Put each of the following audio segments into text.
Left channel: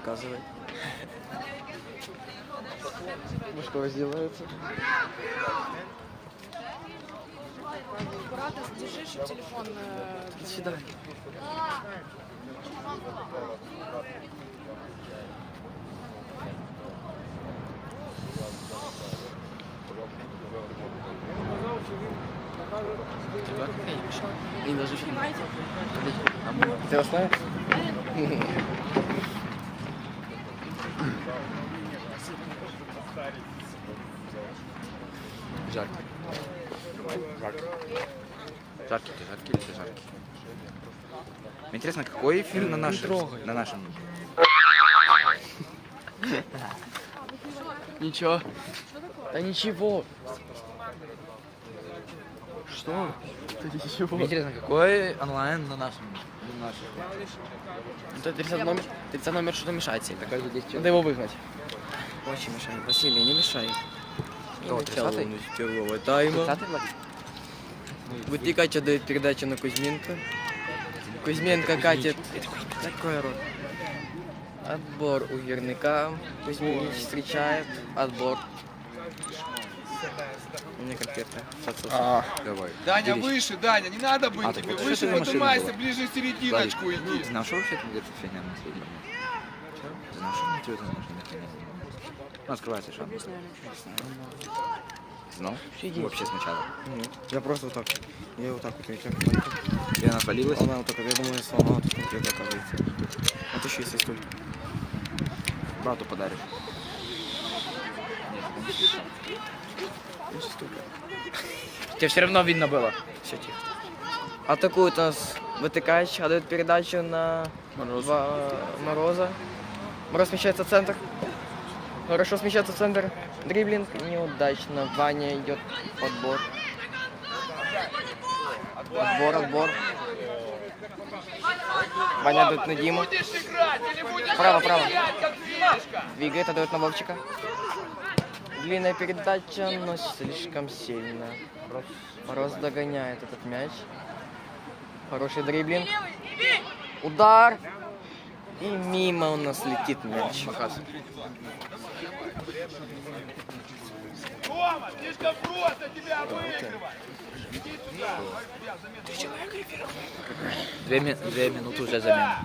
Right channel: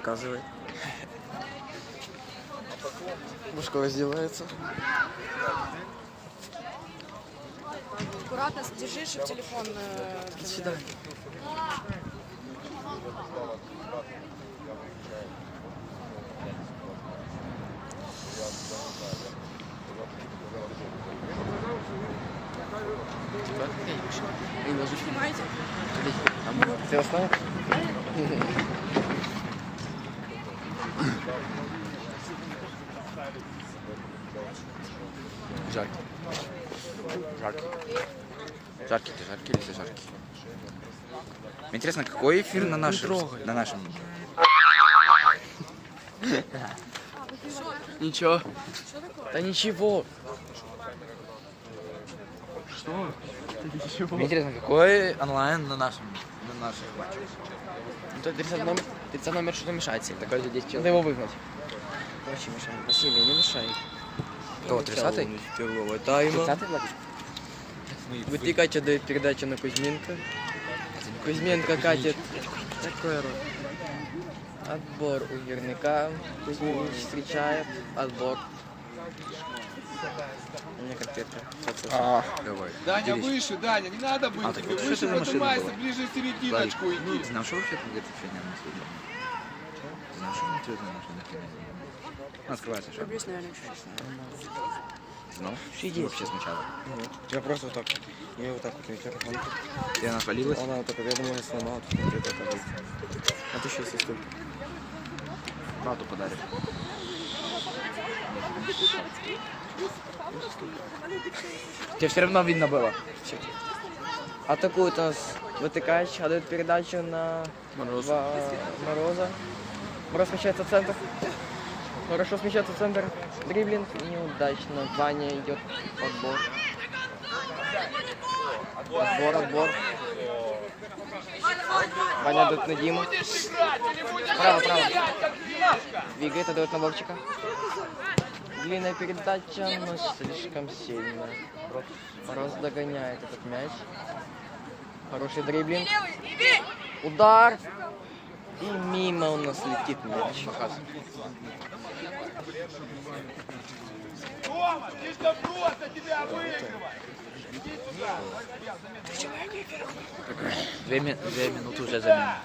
наказывает. Бушкова сделается. Аккуратно держи, чтобы телефон... э, До свидания. Не ложись. Ты Жаркий. Жаркий. Жаркий ты, жаркий или ты жаркий? Мне интересно, какой фильм на нашем? На нашем. Ничего. Да ничего. Что? Ничего. Мне интересно, какой онлайн на нашем? На нашем. Ну, то 30 номер, 30 номер что-то мешает себе. Такой же 10 Надо его выгнать. Очень мешает. Василий, не мешай. Кто, 30-й? Первого тайма. 30 Влад? Вытекать отдает передачу на Кузьменко. Кузьменко катит такой рот. Отбор у Ерника. Кузьмин встречает. Отбор. У меня конкретно. А, давай. Даня, Делись. выше, Даня, не надо быть А, так тебе. вот выше что ты на машине поднимайся, была? ближе в Владик, серединочку ты иди. знал, что вообще там где-то фигня на следующем? Ты знал, что внутри это ничего не фигня? Ну, открывается шаг. Знал? Иди. Вообще сначала. Нет, я просто вот так. Я вот так вот этим. И она свалилась? Она вот так, я думаю, если она вот так, вот так вот. Это еще есть столько. Брату подарок. Тебе все равно видно было. Атакует нас вытыкач, отдает передачу на Морозу. Ва- Мороза. Мороз смещается в центр. Хорошо смещается в центр. Дриблинг неудачно. Ваня идет отбор. Отбор, отбор. Ваня отдает на Диму. Право, право. Двигает, отдает на Вовчика. Длинная передача, но слишком сильно. Мороз догоняет этот мяч. Хороший дриблинг. Удар. И мимо у нас летит мяч. Тома, слишком просто тебя выигрывать. Две, ми- две минуты уже замена.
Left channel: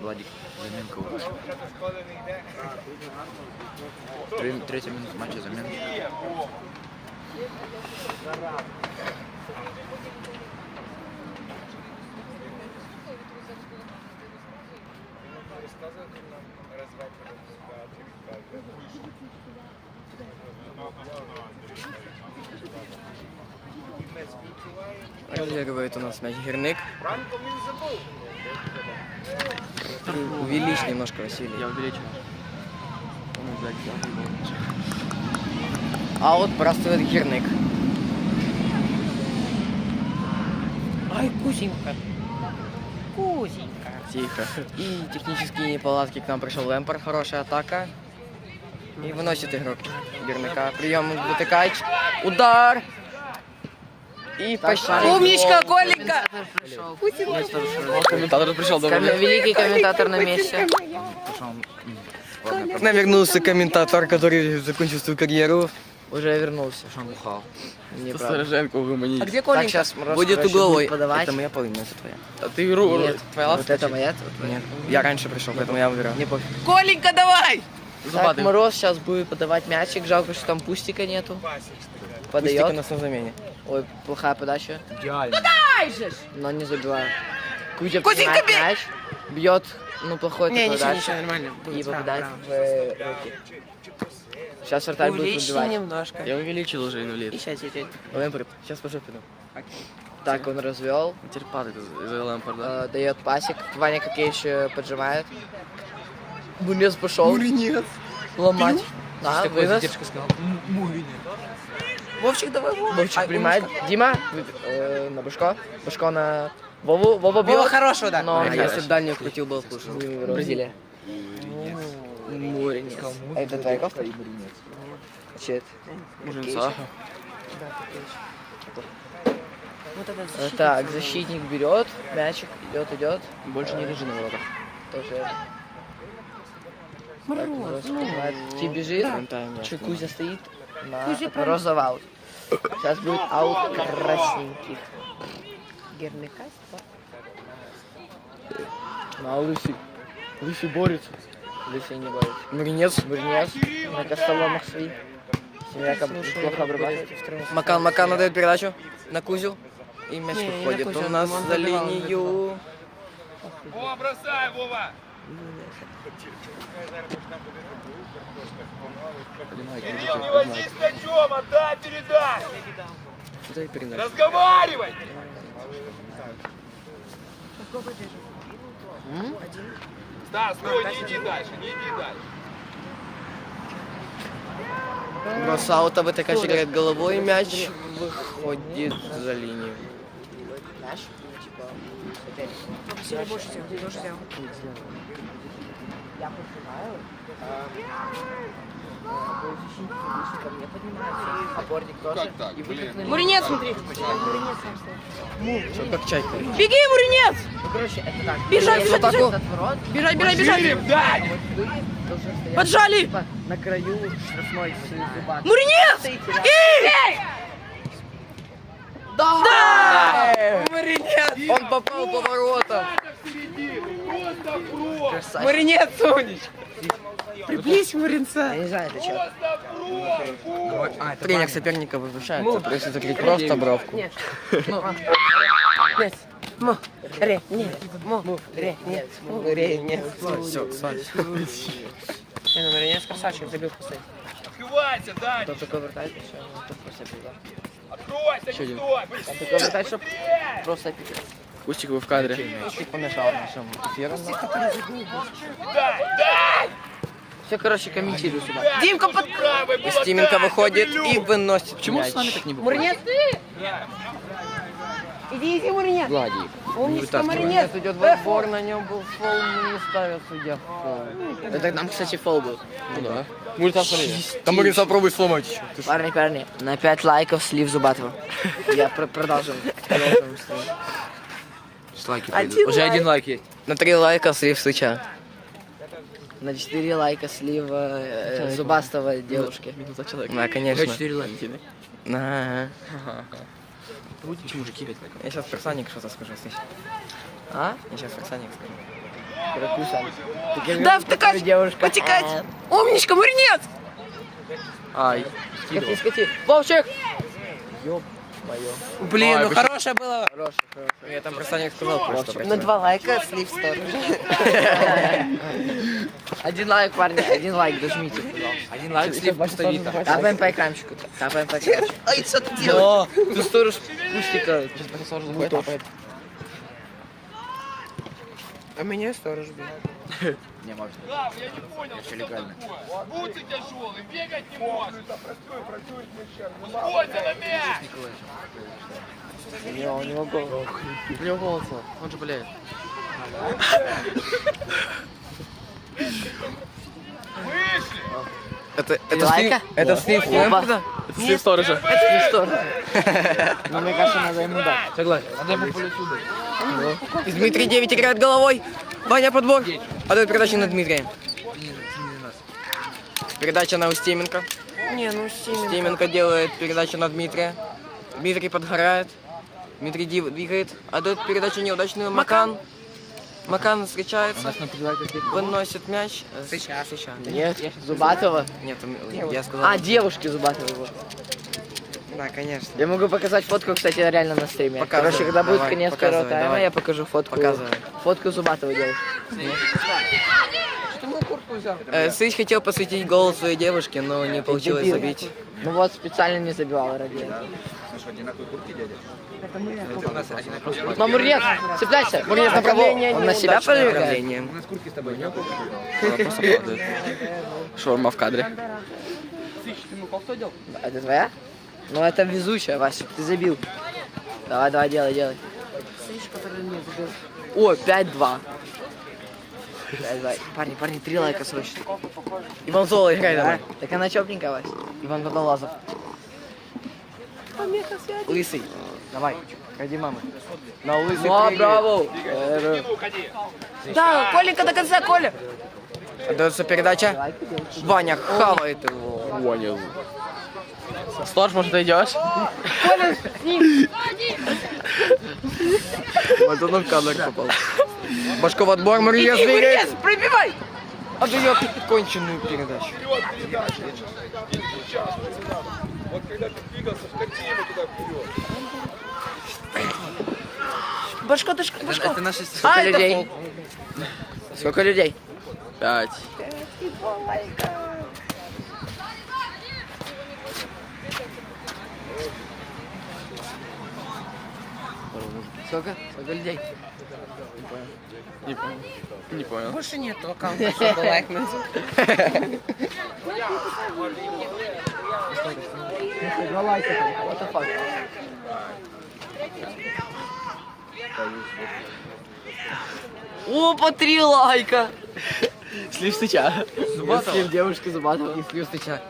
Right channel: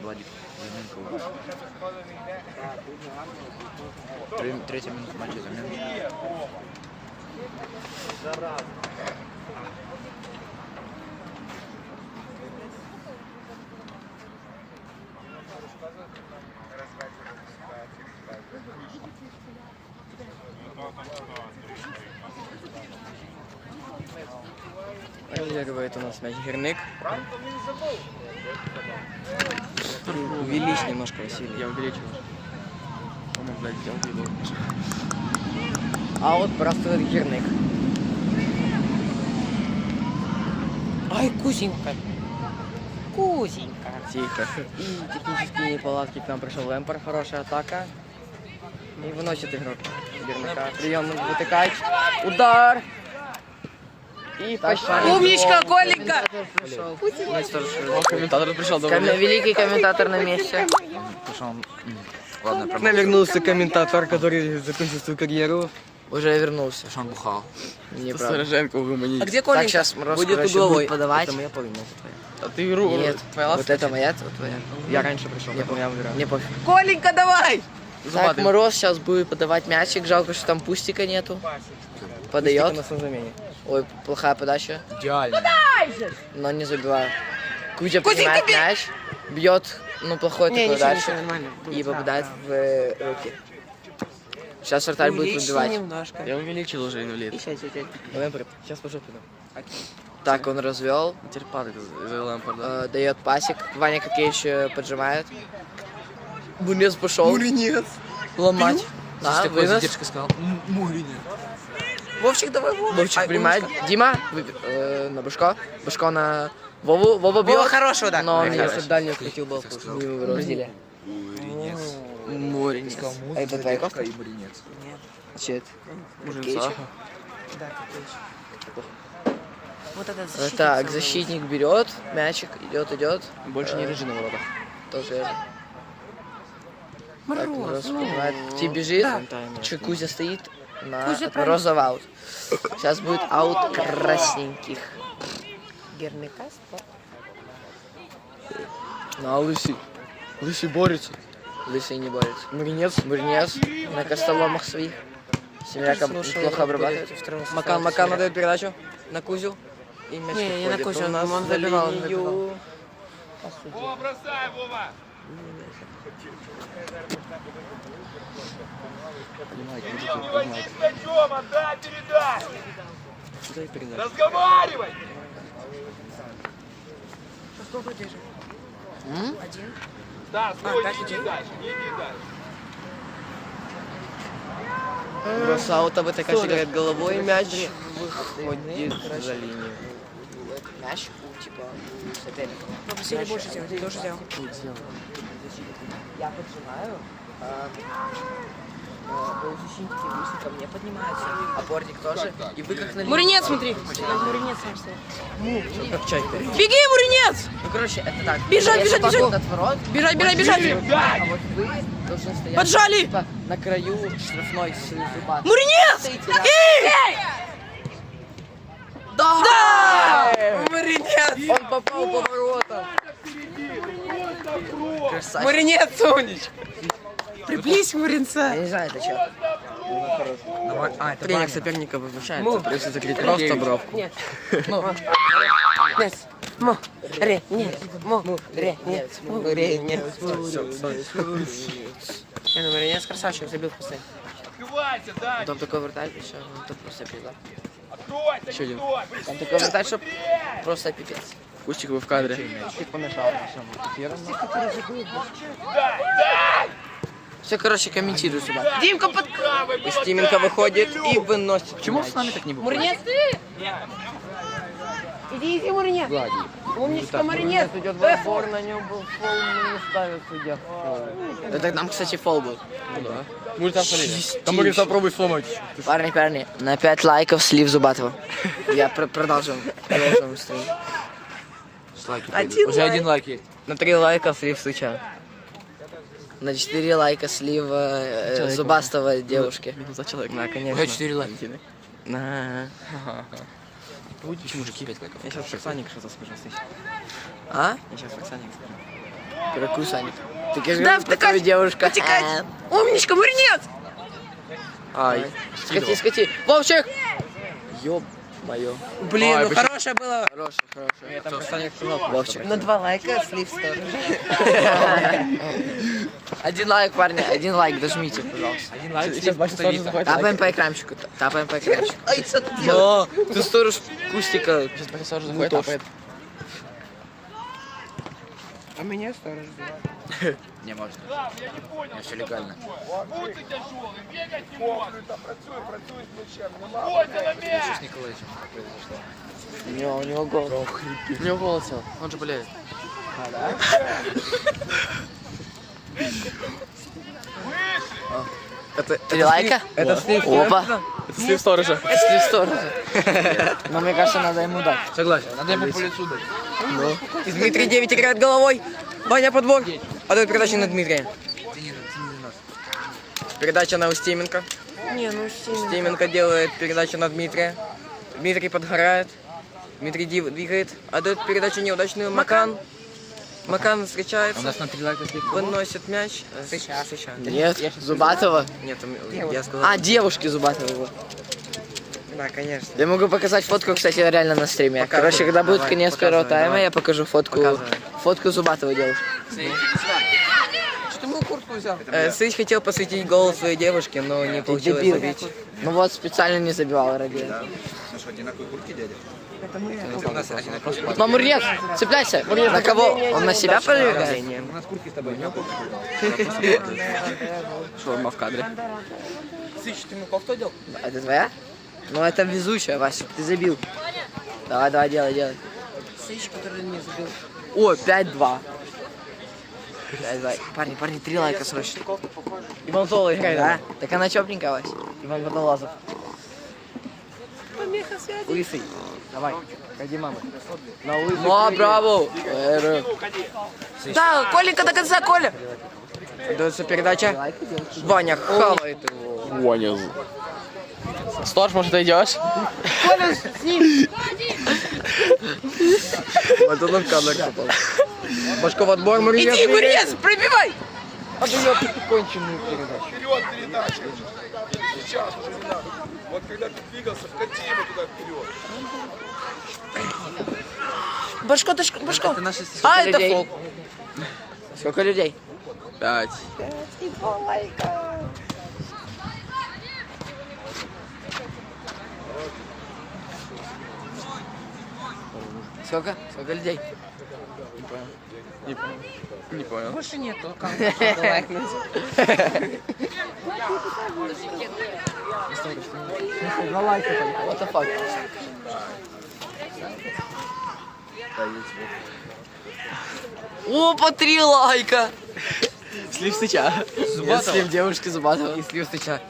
Владик, заминка уже. Две- Третья минута матча замена. Разыгрывает у нас мяч Герник. Увеличь немножко, Василий. Я увеличил. По-моему, блядь, я уебал. А вот бросает Герник. Ай, Кузенька. Кузенька. Тихо. И технические неполадки к нам пришел Лэмпер. Хорошая атака. И выносит игрок Герника. Прием вытыкач. Удар. И пошел. Умничка, Коленька! Комментатор пришел. Великий комментатор на месте. К нам вернулся комментатор, который закончил свою карьеру. Уже вернулся. он бухал. Стороженко угомонись. А где Коленька? Так, сейчас Мороз, Будет короче, угловой. будет подавать. Это моя половина, это твоя. А ты игру... Нет, твоя вот это моя, это твоя. Я раньше пришел, поэтому я выбираю. Не пофиг. Коленька, давай! Так. Мороз сейчас будет подавать мячик. Жалко, что там пустика нету. Подает. нас на замене. Ой, плохая подача. Идеально. Но не забивает. Кузя принимает мяч. Бьет, ну, плохой такой дальше. нормально. И попадает в э, руки. Сейчас вратарь будет выбивать. немножко. Я увеличил уже инвалид. Лэмпорт, сейчас позже приду. Так, он развел. Теперь падает из- из-за Лэмпорда. э, дает пасик. Ваня Кокевич поджимает. Бунец пошел. нет. Ломать. Да, вынос. сказал? Вовчик, давай, Вова. Вовчик принимает. Дима вы- э, на Башко. Башко на Вову. Вова бьет. хорошего, да. Но Если если бы дальний вкрутил, был хуже. Бразилия. Море. А это твоя кофта? Это? Мужинца. Вот это Э, Так, защитник берет, мячик идет, идет. Больше не лежи на воротах. Тоже. Мороз, ну. Ти бежит, чи Кузя стоит на розовый аут. Сейчас будет аут красненьких. Гермикас, да? На, Лысый. Лысый борется. Лысый не борется. Мринец. Бурнец на костоломах своих. Семерка плохо обрабатывает. Макан, Макан отдает передачу на Кузю. И мяч Не, не на Кузю, у нас за линию. Вова, бросай, Вова! Выравнивай с мячом, отдай, передай! Что ты передача? Разговаривай! Да, стой, не иди дальше, не иди дальше. Бросаута ВТК играет головой, мяч выходит за линию. Мяч, типа, соперник. Попросили больше сделать, больше сделал. Я поджимаю, выше ко мне поднимаются, опорник тоже, и вы как на. Муринец, смотри. Муринец стоит. Как чайка. Беги, Муринец! Ну, короче, это так. Бежать, бежать, бежать! Бежать, бежать, бежать! а вот вы должны стоять Поджали! типа, на краю штрафной с зубами. Муринец! Стоите рядом. Да! Муринец! Он попал по воротам. Красавчик. Муринец, умничка! Приблизь Муринца! Я не знаю, это что. Тренер соперника возвращается, если закрыть просто бровку. Му, ре, нет, му, ре, нет, му, ре, нет. Я думаю, Муринец красавчик, забил последний. Открывайся, Дань! Там такой вратарь, еще, ну, тут просто пизда. Откройся, не делать? Там такой вратарь, что просто пипец. Кустик, вы в кадре. Все, короче, комментирую сюда. Димка под... И Стименко выходит и выносит Почему мяч. с нами так не выходит? Муринец, ты! Иди, иди, Муринец! Умничка, Муринец! идет в отбор, на нем был фол, но не ставил судья. Это там, кстати, фол был. Будет там Там будет попробуй сломать еще. Парни, парни, на 5 лайков слив Зубатова. Я про- продолжим. Один Уже один лайк есть. На три лайка слив Сыча. На 4 лайка слив э, зубастого девушки. За человек. Да, конечно. лайки, да? На. мужики, блядь. Я сейчас Фоксаник что-то скажу, Сыч. А? Я сейчас Фоксаник скажу. Какой Саник? Ты кажешь, Да, втыкать! девушка. Потекать! Умничка, Муринец! Ай. Скати, скати. Вовчик! Ёб моё. Блин, Ой, ну почему- хорошая была. Хороший, хороший. Я там Фоксаник сказал просто. На два лайка слив сторож. Один лайк, парни, один лайк, дожмите, пожалуйста. Один лайк слив пустовито. Тапаем по экранчику, тапаем по экранчику. Ай, что ты делаешь? Ты сторож кустика. Сейчас профессор заходит, тапает. А меня сторож бил. Не, Макс, Я не понял, все легально. пульсы тяжелый, бегать не может. Стой на мяч! У него, у него гол. У него волосы. Он же болеет. Выше! Это, это лайка? Это слив. Опа. Это слив сторожа. Слив сторожа. Ну, мне кажется, надо ему дать. Согласен. Надо ему по лицу Ну. Дмитрий 9 играет головой. Ваня подбор. Отдает передачу на Дмитрия. Передача на Устименко. Не, ну сильно. Устименко делает передачу на Дмитрия. Дмитрий подгорает. Дмитрий двигает. Отдает передачу неудачную Макан. Макан встречается. Выносит мяч. Сейчас, сейчас. Нет, Зубатова. Нет, я сказал. А, девушки Зубатова. Да, конечно. Я могу показать фотку, кстати, реально на стриме. Показывай, Короче, когда будет давай, конец показывай, первого тайма, давай. я покажу фотку. Показывай. Фотку Зубатовой девушки. Э, Сыч хотел посвятить гол своей девушке, но не получилось Дебил. забить. Ну вот, специально не забивал ради этого. Мамурец, цепляйся. На кого? Он на себя проверяет? Шаурма в кадре. Это твоя? Ну это везучая, Вася, ты забил. Давай, давай, делай, делай. О, 5-2. 5-2. Парни, парни, три лайка срочно. Иван Зола, играй Да? Так она тепленькая, Вася. Иван Водолазов. Лысый. Давай, ходи, мама. На лысый. Ну, а, браво. Да, Коленька до конца, Коля. Дается передача. Ваня хавает его. Понял. Сторож, может, ты идешь? Вот он в кадр попал. Башков отбор, Мария Иди, вырез, пробивай! Отдает конченую передачу. Передача. Сейчас. Вот когда ты двигался, вкати его туда вперед. Башко, дашко, башко. Это наши А, сколько это людей? фол. Сколько людей? Пять. Сколько? Сколько людей? Не понял. Не понял. Не понял. Больше нет. What the fuck? Опа, три лайка! Слив стыча. Я слив девушки Зубатова и слив стыча.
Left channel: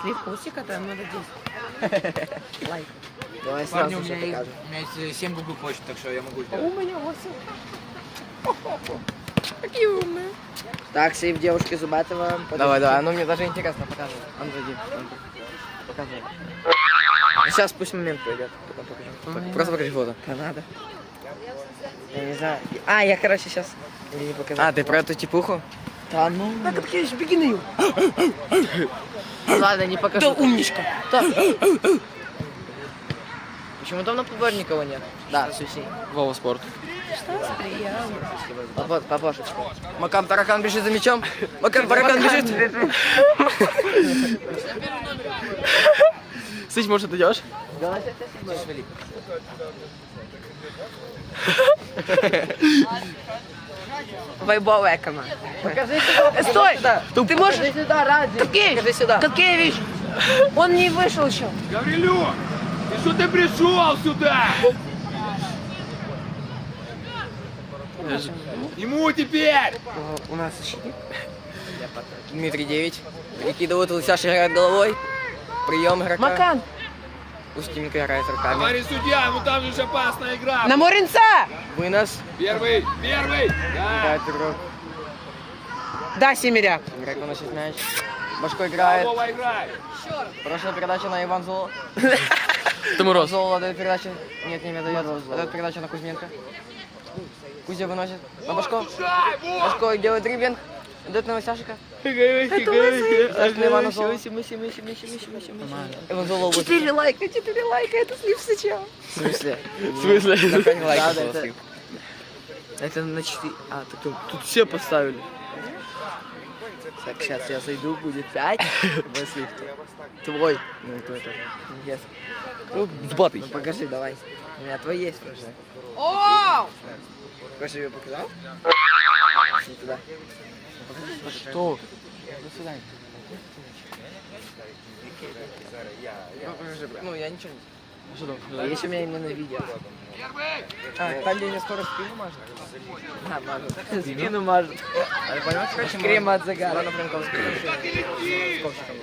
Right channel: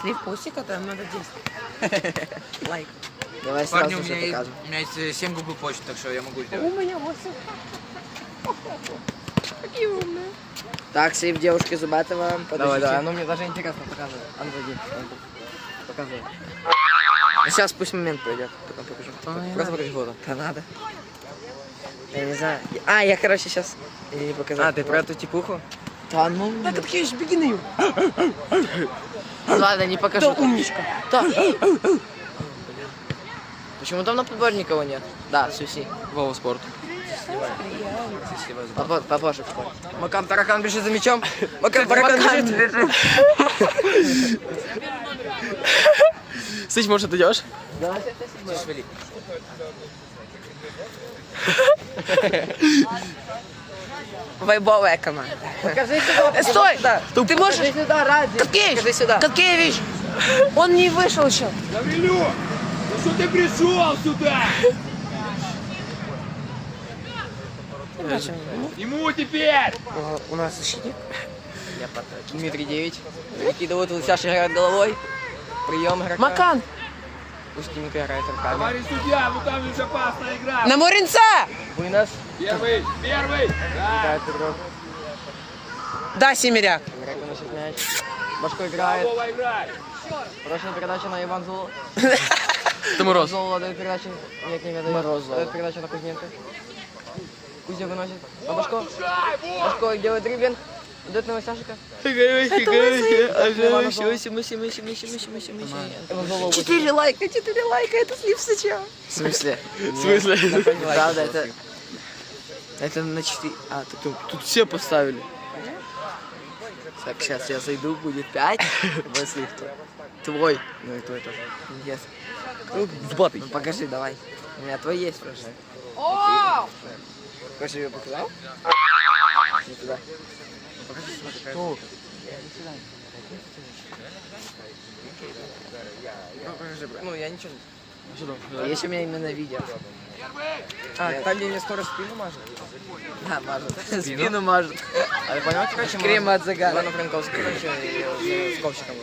Слив усика, там надо 10. Лайк. Давай Парни, сразу у же меня, есть, у меня есть 7 гугл почт, так что я могу сделать. У меня 8. Так, слив девушки Зубатова. Давай, давай, ну мне даже интересно, показывай. Андрей. Показывай. Ну, сейчас пусть момент пройдет, потом покажу. Просто покажи фото. Да надо. Я не знаю. А, я, короче, сейчас... Не показал. А, ты про эту типуху? Да ну... Так, Капкевич, беги на. Ладно, не Ты покажу. умничка. Почему там на подборе никого нет? Да, суси. Вова спорт. Папа, папаша встал. Макам таракан бежит за мячом. Макам таракан бежит. Сыч, может, ты идешь? Давай. Вайбовая команда. Покажи сюда. Э, Стой! Ты можешь... Покажи сюда, ради. Капкевич! Покажи сюда. Он не вышел еще. Гаврилюк, что ты пришел сюда? Ему теперь! У нас защитник. Дмитрий 9. Выкидывает Лысяш играет головой. Прием игрока. Макан! Устименко играет руками. Товарищ судья, ну там же опасная игра. На Моринца! Вынос. Первый, первый. Да. Игрок. Да, Семеряк. Игрок выносит мяч. Башко играет. Хорошая передача на Иван Золо. Ты мороз. Золо дает передачу. Нет, не дает. Дает передачу на Кузьменко. Кузя выносит. На Башко. Башко делает дриблинг. Идет на Лысяшика. Четыре лайка, четыре лайка, это слив сыча. В смысле? В смысле? Да, да, это... Это на 4... А, тут, тут, тут все поставили. Сейчас я зайду, будет 5. Если кто. Твой. Ну и твой тоже. Yes. Ну, Сбатый. ну покажи, давай. У меня твой есть уже. Хочешь, я показал? Не туда. Что? Ну, Ну, я ничего не... А что там? А есть у меня именно видео. А, там, где мне скоро спину мажут. Да, мажут. Спину мажут. А ты понял, короче, крем от загара. Ладно, Франковский, короче, с ковщиком.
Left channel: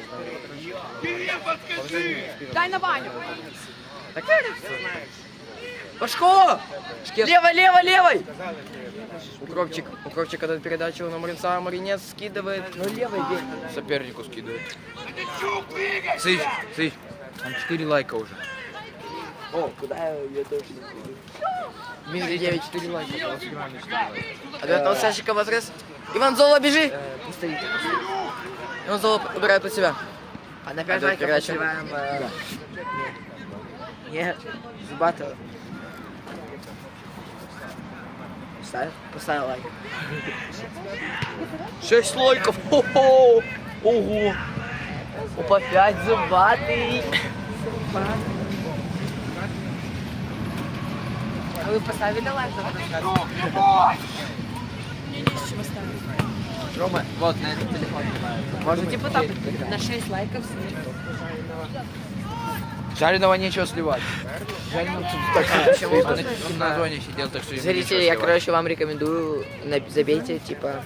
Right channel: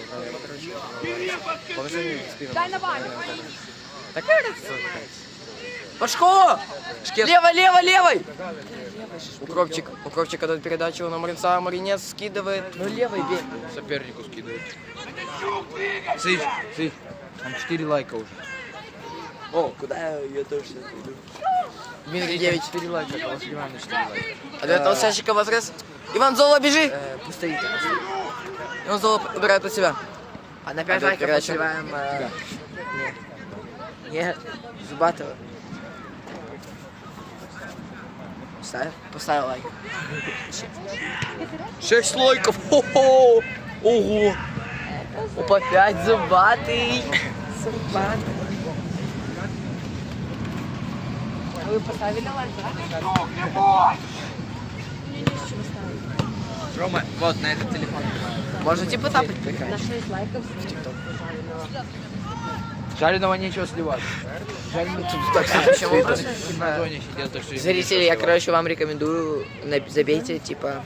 Дай на Ваню. Пашко! Лево, лево, левой! Укропчик, укропчик отдает передачу на Маринца, Маринец скидывает. Ну, левый бей. Сопернику скидывает. Сыч, сыч. Там 4 лайка уже. О, куда я, я тоже не пойду. Дмитрий 9, 4 лайка. У вас внимание 4 лайка. Отдает Алсашика в отрез. Иван Золо, бежи! Пусть стоит. Иван Золо убирает под себя. А на 5 Отдает лайков передачу. подсеваем, э, Нет. Нет, Зубатова. Поставь, поставил лайк. 6 лайков! Хо-хо! Ого! Опа, 5 зубатый! Вы поставили лайк? Рома, вот на этот телефон. Можете потапать? На 6 лайков. Жареного нечего сливать. Зрители, я, короче, вам рекомендую, забейте, типа,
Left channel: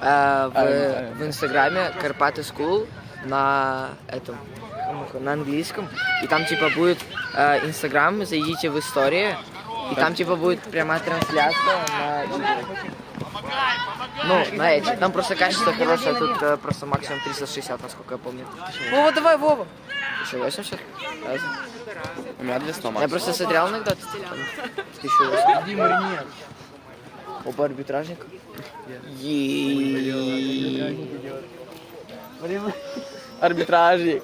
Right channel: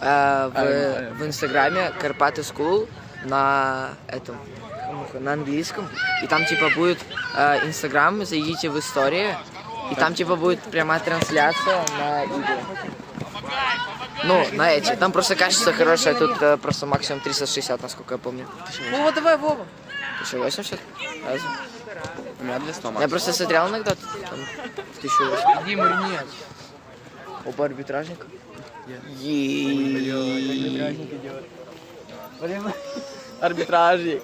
э, в, в инстаграме Карпаты School на этом, на английском, и там, типа, будет э, инстаграм, зайдите в истории, И там типа будет прямая трансляция на. Ну, на эти. Там просто качество хорошее, тут э, просто максимум 360, насколько я помню. Вова, давай, Вова. Ты что, 80? Разве? У меня 200 Я просто смотрел иногда, там, в 1008. Димур, нет. Оба арбитражника. Арбитражник.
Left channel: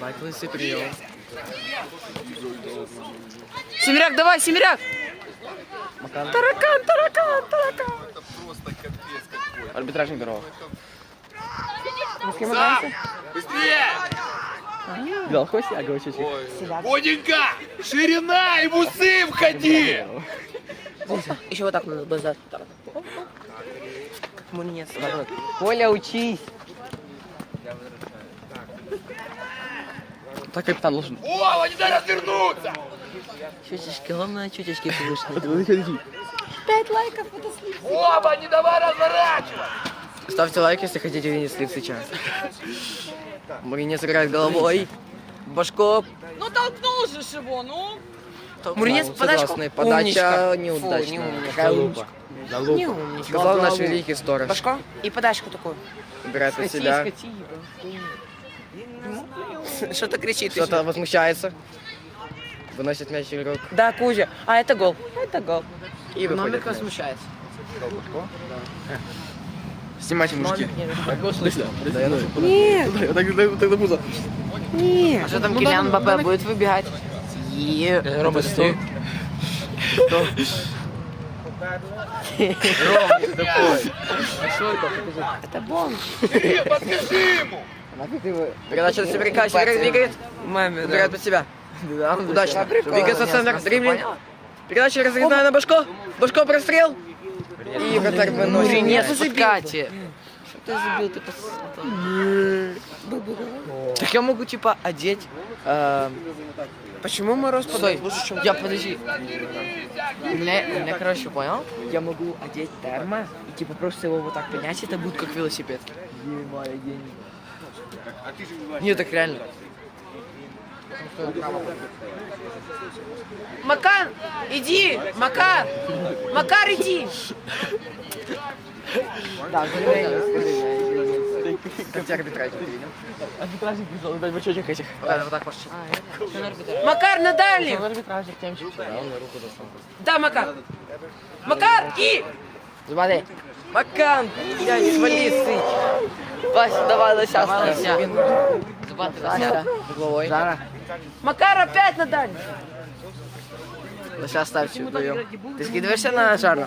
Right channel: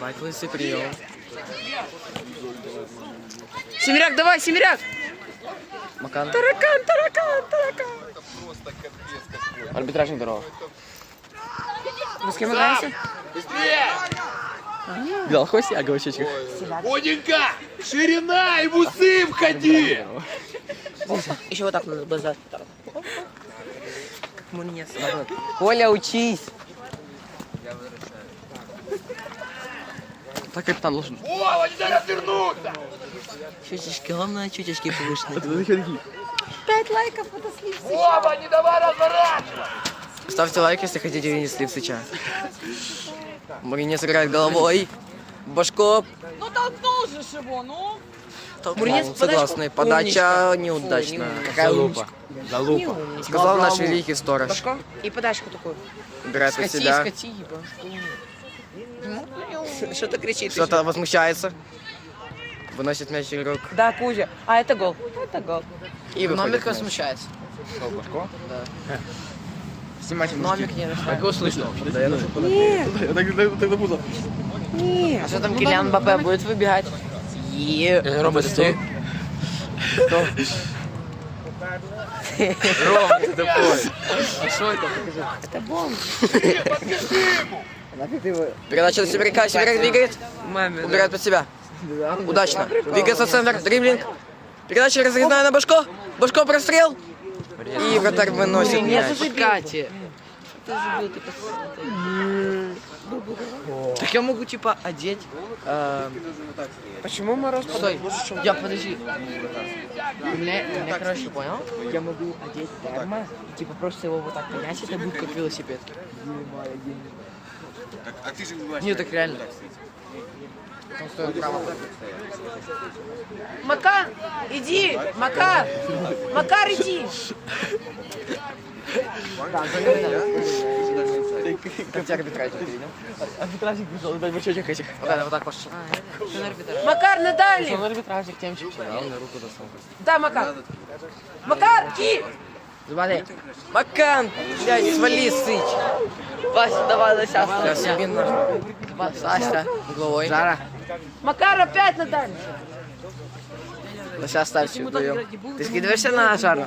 Бать лысый прием. Семеряк, давай, Семеряк. Макан. Арбитражный здорово. Вы с кем играете? Видал, хоть я говорю, Боденька, ширина и в усы входи! Еще вот так надо было сделать. Как мунец. Коля, учись. Так и там должен. Вова, не дай развернуться! Чуточки, главное, чуточки повыше. Вова, не давай разворачиваться! Ставьте лайк, если хотите видеть слив сейчас. Маринец играет головой. Башко. Ну толкнул же его, ну. Муринец, согласный. Подача неудачная. Какая умничка. Сказал наш великий сторож. Башко и подачку такую. Убирает под себя. Что-то кричит. Кто-то возмущается. Выносит мяч игрок. Да, Кузя. А, это гол. Это гол. И мяч. смущается. Снимайте мужики. Номик не решает. Да я нужен А что там Килиан Мбаппе будет выбегать? Рома, стой. Кто? Это бомб. Передача на Сибиряка. Сибиряк двигает. Маме, Убирает под себя. Удачно. Двигается центр. Дриблинг. Передача разогнана на Башко. Башко прострел. И вратарь выносит Нет. Кати. Ты забил, ты Так я могу типа одеть. эм, Почему Стой, подает лучше, чем я подожди. У меня, короче, понял? Я могу одеть термо и типа просто его вот так пинать, это будет как велосипед. Нет, так реально. Макар, иди! Макар! Макар, иди! Как тебя арбитражник? Арбитражник пришел, дай бачочек этих. Вот так, вот так пошел. Макар, на дальний! арбитражник темчик. Да, Макар! Макар, иди! Смотри. Макан! Дай, свали, сыч. Вася, давай, Лося, ставь. Саша, Жара. Макар, опять на дальний! Лося, ставь, вдвоем. Ты скидываешься на жару?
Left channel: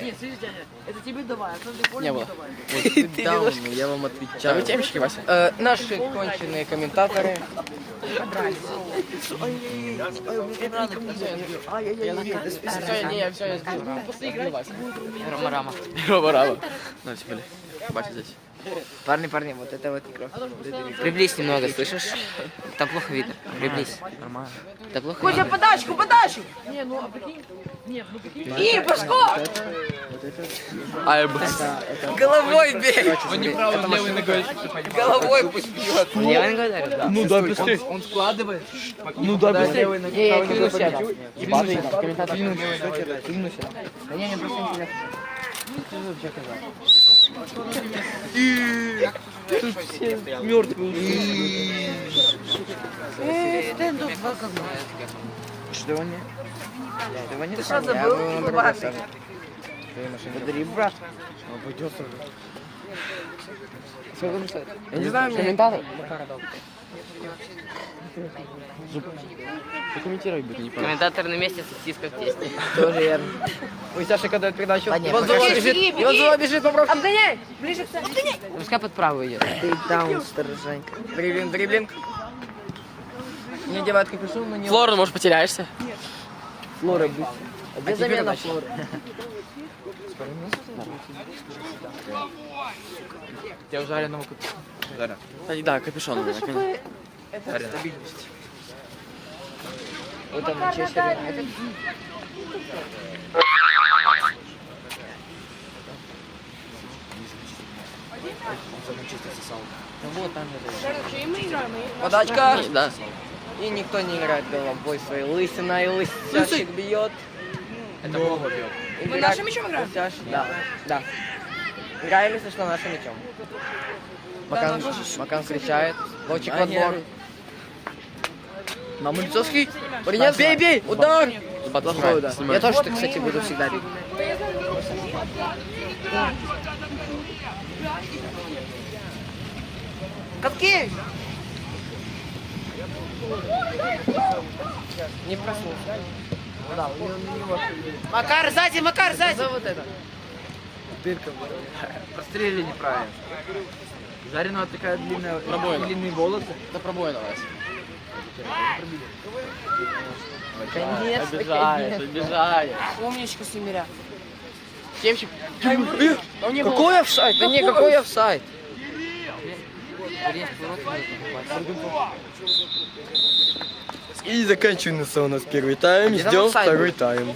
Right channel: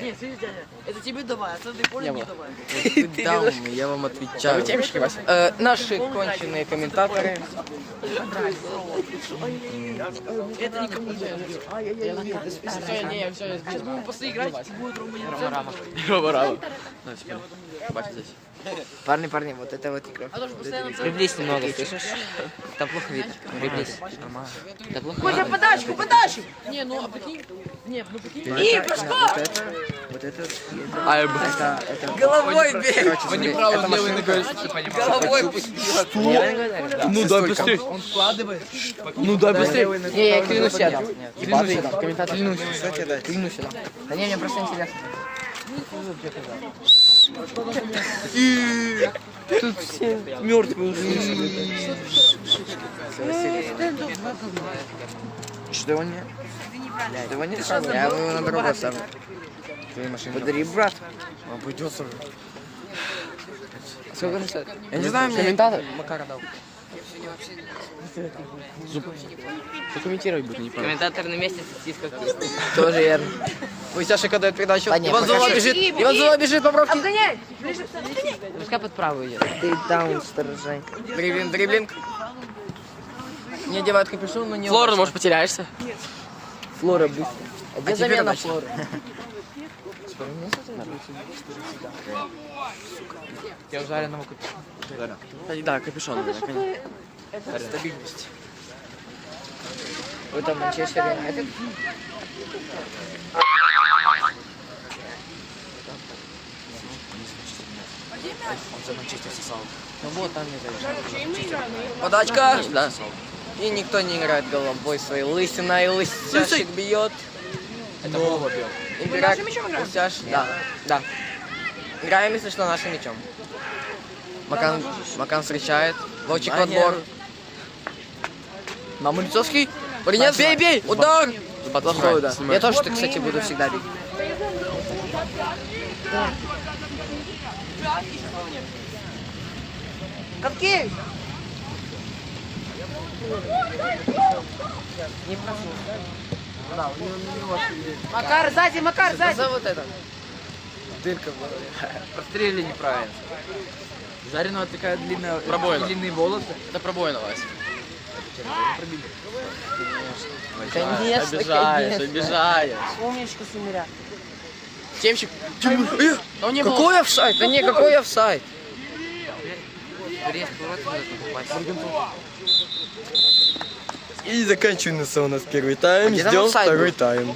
Нет, слышишь, дядя, это тебе давай, а ты понял, Не было. давай. Я вам отвечаю. Да вы темщики, Вася? Э, наши конченые комментаторы. Не, я все, я сделал. Ну, после играть будет Бать здесь. Парни, парни, вот это вот игра. Приблизь немного, слышишь? Там плохо видно. Приблизь. Нормально. Да плохо Кузя, подачку, подачку! Не, ну, а прикинь, нет, ну, прикинь. И, Пашко! Альб. Головой бей! Он не правый, левой ногой, чтобы ты понимал. Головой пусть бьет! Левый ногой, да? Ну да, быстрее. Он вкладывает. Ну да, быстрее. Не, я клянусь, я дам. Ебаный комментатор. Клянусь. Да не, мне просто интересно. Что его не... Что его не сам? Я его на другой сам. Подари, брат. Он придется. Сколько он стоит? Я не знаю, комментатор. Прокомментировать будет не понятно. Комментатор на месте сексист как тесть. Тоже верно. Ой, Саша, когда передачу. Да нет, Иван Зула бежит. Иван Зула бежит, попробуй. Обгоняй! Ближе к центру. Обгоняй! Пускай под правую идет. Ты даун, сторожанька. Дриблинг, дриблинг. Не одевает капюшон, но не... Флора, может, потеряешься? Флора, быстро. А где замена Флоры? Я жареного капюшона. Да, капюшон у него, понял. Это Манчестер Юнайтед. Он за Манчестер сосал. Ну вот там и мы играем? Подачка. Да. И никто не играет головой своей лысиной. Лысящик бьет. Это Бога бил. Игрок- нашим мячом играем? Лысяш, да. Да. Играем, если что, нашим мячом. Макан, Макан встречает. Ловчик в отбор. На улицу шли. Принят, бей, бей! Удар! Плохой удар. Снимай. Я тоже, кстати, буду всегда бить. Катки! Да, у него, у него Макар, сзади, Макар, сзади! За вот это. Дырка в голове. Прострелили неправильно. Жареного такая длинная, Пробоина. длинные волосы. Это пробоина у вас. Конечно, Обижаешь, конечно. обижаешь. Умничка, Сумеря. Темчик. Какой офсайд? Да не, какой офсайд? Резь поворот нужно попасть. И заканчивается у нас первый тайм. Ждем второй тайм.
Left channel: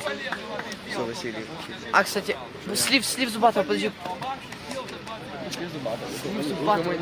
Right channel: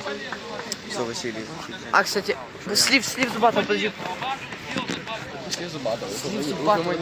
Что, Василий? А, кстати, слив, слив Зубатова, подожди. Слив Зубатова.